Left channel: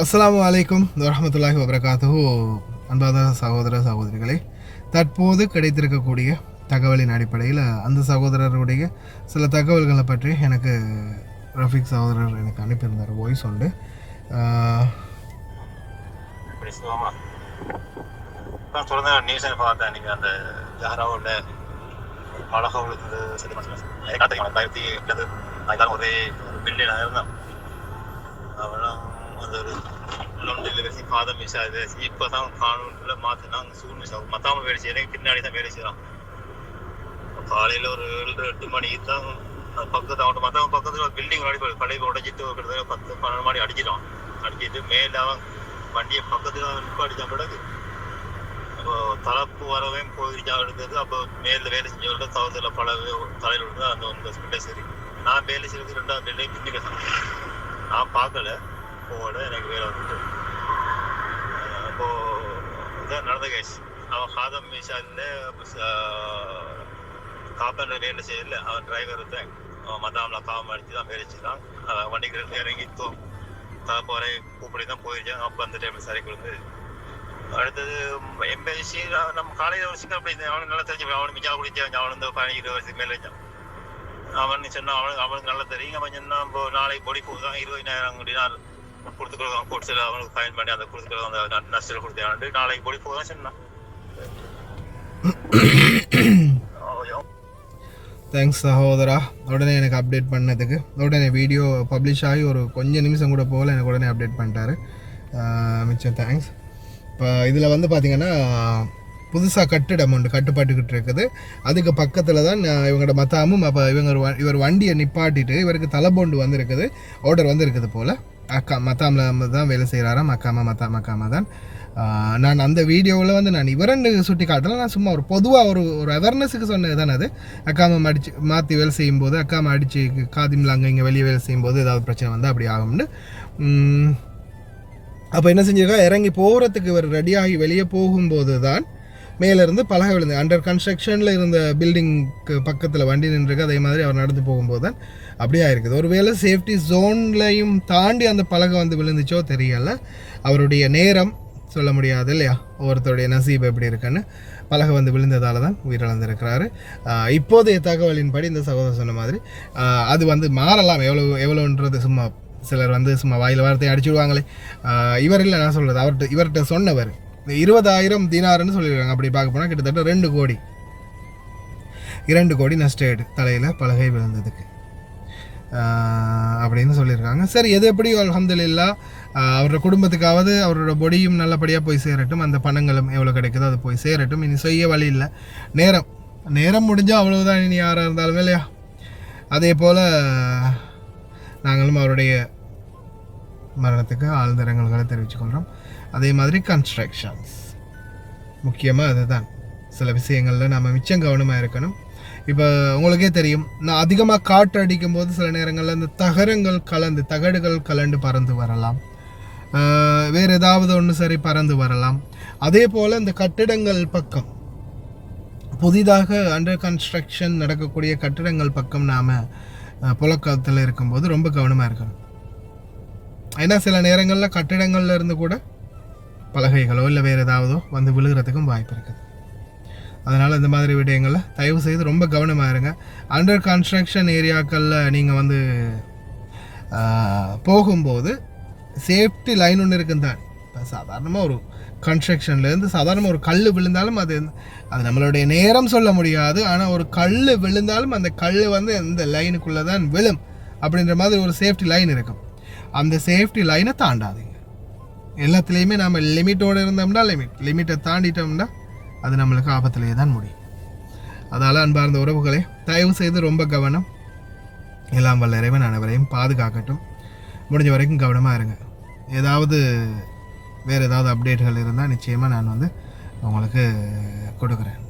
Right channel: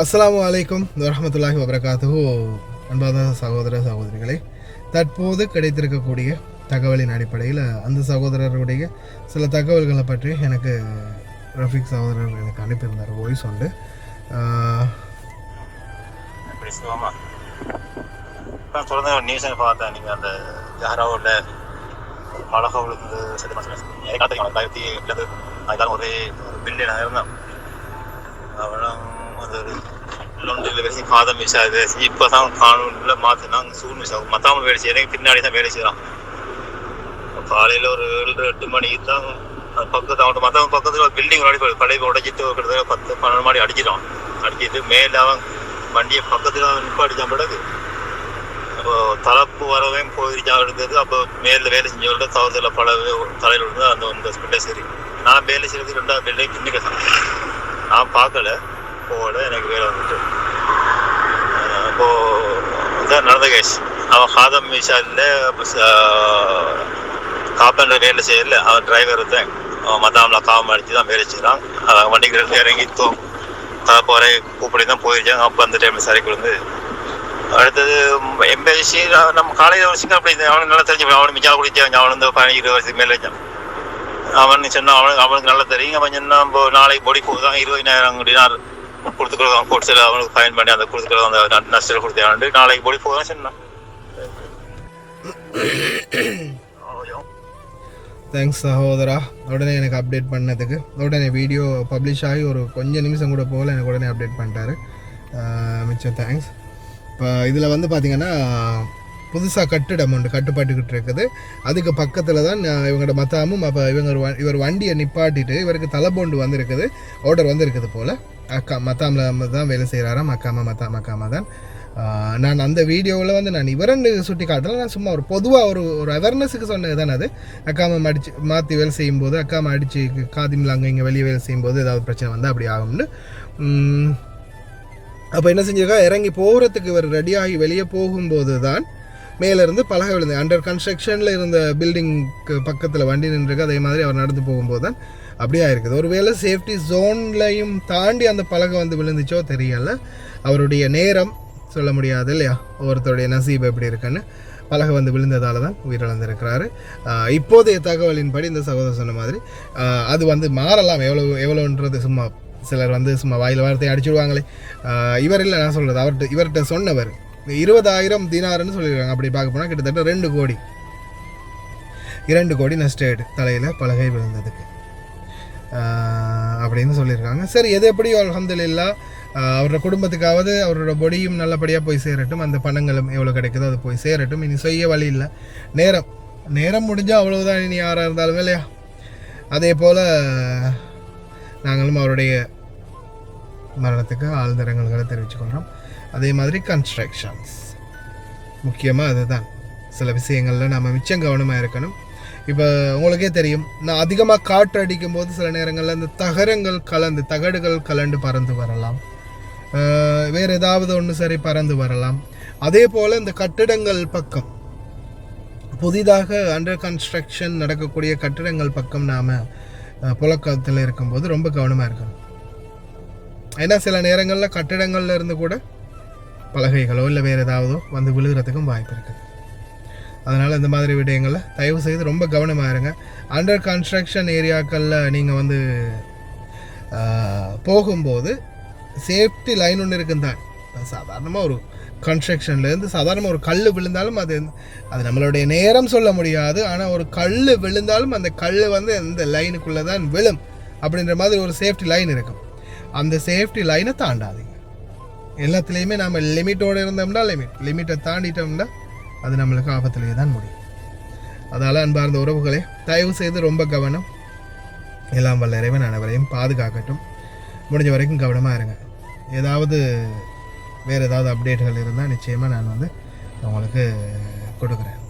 அஸ்ஸலாமு அலைக்கும் வரஹ்மத்துல்லாஹி வபரகாத்துஹு. அன்பான சகோதர சகோதரிகளே, தற்போது கிடைத்திருக்கக்கூடிய தகவலின் அடிப்படையில் அந்த சகோதரருடைய சில தகவல்களை பற்றி எனக்கு ரஃபீக் சகோதரர் எனக்கு அனுப்பியிருந்தார் வாய்ஸ் உண்டு. தொடர்ந்து நியூஸ் பார்த்தேன். நீங்கள் அந்த ஜஹராவோட அழகாக விழுந்து அதுதான் ஒரே பில்லியன் ஆயிருந்தான். அவனும் அந்த ஒரு லொண்டில் வச்சு காதம் மிஸ் ஆகுது. இப்போ தான் காணொலியில் மாற்றினாங்க. சூழ் மிஸ் ஆகும். மற்றவங்க வேலை செய்யறேன், பின்னாடி தான் வேலை செய்யலாம். காலையில் ஒரு 7-8 மணிக்கு தான் பக்கத்து அவன் மற்றவங்க பக்கத்தில் பில்டிங் கடை உடைச்சிட்டு கிட்டத்தட்ட 10-12 மாடி அடிச்சிட்டான். அடிச்சிட்டு மேலே அவன் வண்டியை பக்கத்தில் நிப்பாடிச்சான். பிறகு அப்போ தலைப்பு வரவையும் போயிருச்சா இருந்தது. அப்போ மேலே வேலை செஞ்சவங்க தவறுதல பல தலையில் விழுந்து அந்த ஸ்பிட்டை சரி. நான் வேலை செய்யறது 2வது பில்டிங் பின்னுக்கு தான். நான் பார்க்கல, போகல, எனக்கு வேலை வந்துட்டு. அப்போது இதான் நடந்த கேஸ். அவன் ஹாதம் மிஷாலில் காப்பேண்டர் வேலை செய்யல. அவன் டிரைவர் தான். அவன் மத்தாமில் காவம் அடித்து தான் வேலை செய்கிறான். அவன் வண்டிக்கு இறங்கி தலைப்பு வரை கூப்பிடி தான் போயிருச்சாங்க. அப்போ அந்த டைமில் சரி விழுந்து அடுத்தது எம்பசி நம்ம காலையில் ஒரு சிங்கம் அப்படி அவனுக்கு நல்லா தெரிஞ்சு. அவனுக்கு மிச்சா குடிச்சான். அவன் வந்து 15-20 வருஷத்துக்கு மேலே வச்சான். அவன் சொன்னான் அவனுக்கு நல்லா தெரியும். அவன் சொன்னா நாளைக்கு பொடி தான் 20,000 டினார் கொடுத்துக்கலாம். கொடுத்து அவனுக்கு ஃபைன் பண்ணி அந்த கொடுத்துக்கலாம். அந்த நஷ்டம் கொடுத்தாண்டு நாளைக்கு பொடி போதான் சொன்னான். தேங்க்ஸ் சகோதரா, உடனே எனக்கு அப்டேட் பண்ணதுக்கு. உடனே வீடியோ பப்ளிஷ் ஆகி ஒரு கொஞ்சம் நிமிஷம் கூட போகல, எனக்கு உடனே அப்டேட் பண்ணிட்டாரு. மிச்சம் தேங்க்ஸ். இப்போ இதில் வந்து பார்த்திங்கன்னா புதுசாக கட்டிடம் ஒன்று கட்டுப்பாட்டுக்கிட்டு இருக்குது. அதுக்கு பக்கத்தில் தான் இவங்களோட மத்தாமும். அப்போ இவர் வண்டியை நிப்பாட்டிட்டு இவருக்கு தலைபோண்டு வந்திருக்குது, ஆர்டர் வந்திருக்குது போல். மத்தாமில் தான் வேலை செய்கிறாராம். மக்காமா தான். நான் அந்த வீடியோவில் வந்து நான் இவரண்டு சுட்டி காட்டல. நான் சும்மா ஒரு பொதுவாக ஒரு அவேர்னஸுக்கு சொன்னது தானே அது. அக்காமை மாற்றி வேலை செய்யும்போது அக்காமை அடித்து காதிமில் அங்கே இங்கே வெளியே வேலை செய்யும்போது ஏதாவது பிரச்சனை வந்தால் அப்படி ஆகும்னு. அப்போ என்ன செஞ்சிருக்கா, இறங்கி போகிறதுக்கு இவர் ரெடியாகி வெளியே போகும்போது தான் மேலேருந்து பலகை விழுந்து. அண்டர் கன்ஸ்ட்ரக்ஷனில் இருந்த பில்டிங்க்கு பக்கத்தில் வண்டி நின்றுருக்கு. அதே மாதிரி அவர் நடந்து போகும்போது தான் அப்படியே இருக்குது. ஒருவேளை சேஃப்டி ஜோன்லையும் தாண்டி அந்த பலகை வந்து விழுந்துச்சோ தெரியலை. அவருடைய நேரம் சொல்ல முடியாது இல்லையா, ஒவ்வொருத்தருடைய நசீப் எப்படி இருக்குன்னு. பலகை வந்து விழுந்ததால் தான் உயிரிழந்திருக்கிறாரு. இப்போதைய தகவலின்படி இந்த சகோதரர் சொன்ன மாதிரி அது வந்து மாறலாம். எவ்வளோன்றது சும்மா சிலர் வந்து சும்மா வாயில் வார்த்தையை அடிச்சுடுவாங்களே. இவர் இல்லை, நான் சொல்கிறது இவர்கிட்ட சொன்னவர் 20,000 தினார்னு சொல்லியிருக்காங்க. அப்படி பார்க்க போனால் கிட்டத்தட்ட 2 கோடி நஷ்டேடு தலையில் பலகை விழுந்ததுக்கு அப்படின்னு சொல்லியிருக்காங்க. சரி, எது எப்படியோ அல்ஹம்துலில்லாஹ் அவரோட குடும்பத்துக்காவது அவரோட பொடியும் நல்லபடியாக போய் சேரட்டும். அந்த பணங்களும் எவ்வளோ கிடைக்குதோ அது போய் சேரட்டும். இனி செய்ய வழி இல்லை. நேரம் முடிஞ்சால் அவ்வளவுதான். இனி யாராக இருந்தாலும் இல்லையா. அதே போல் நாங்களும் அவருடைய மரணத்துக்கு ஆழ்ந்த இரங்கல்களை தெரிவித்துக்கொள்கிறோம். அதே மாதிரி கன்ஸ்ட்ரக்ஷன்ஸ் முக்கியமாக அதுதான். சில விஷயங்களில் நம்ம மிச்சம் கவனமாக இருக்கணும். இப்போ உங்களுக்கே தெரியும், நான் அதிகமாக காற்று அடிக்கும் போது சில நேரங்களில் இந்த தகடுகள் கலண்டு பறந்து வரலாம். வேறு ஏதாவது ஒன்று சரி பறந்து வரலாம். அதே போல் இந்த கட்டிடங்கள் பக்கம், புதிதாக அண்டர் கன்ஸ்ட்ரக்ஷன் நடக்கக்கூடிய கட்டிடங்கள் பக்கம் நாம் புழக்கத்தில் இருக்கும்போது ரொம்ப கவனமாக இருக்கணும். ஏன்னா சில நேரங்களில் கட்டிடங்களில் இருந்து கூட பலகைகளோ இல்லை வேறு ஏதாவதோ வந்து விழுகிறதுக்கும் வாய்ப்பு இருக்குது. அதனால் இந்த மாதிரி விடயங்களில் தயவு செய்து ரொம்ப கவனமாக இருங்க. அண்டர் கன்ஸ்ட்ரக்ஷன் ஏரியாக்களில் நீங்கள் வந்து போகும்போது சேஃப்டி லைன் ஒன்று இருக்குன்னு தான். இப்போ சாதாரணமாக ஒரு கன்ஸ்ட்ரக்ஷன்லேருந்து சாதாரணமாக ஒரு கல் விழுந்தாலும் அது நம்மளுடைய நேரம் சொல்ல முடியாது. ஆனால் ஒரு கல் விழுந்தாலும் அந்த கல் வந்து அந்த லைனுக்குள்ளே தான் விழும் அப்படின்ற மாதிரி ஒரு சேஃப்டி லைன் இருக்கும். அந்த சேஃப்டி லைனை தாண்டாதீங்க. எல்லாத்துலேயுமே நம்ம லிமிட்டோடு இருந்தோம்னா லிமிட்டை தாண்டிட்டோம்னா அது நம்மளுக்கு ஆபத்திலேயே தான் முடியும். அதனால் அன்பார்ந்த உறவுகளே, தயவு செய்து ரொம்ப கவனம். எல்லாம் வல்ல இறைவன் அனைவரையும் பாதுகாக்கட்டும். முடிஞ்ச வரைக்கும் கவனமாக இருங்க. வேறு ஏதாவது அப்டேட்டுகள் இருந்தால் நிச்சயமாக நான் வந்து உங்களுக்கு கொடுக்குறேன்.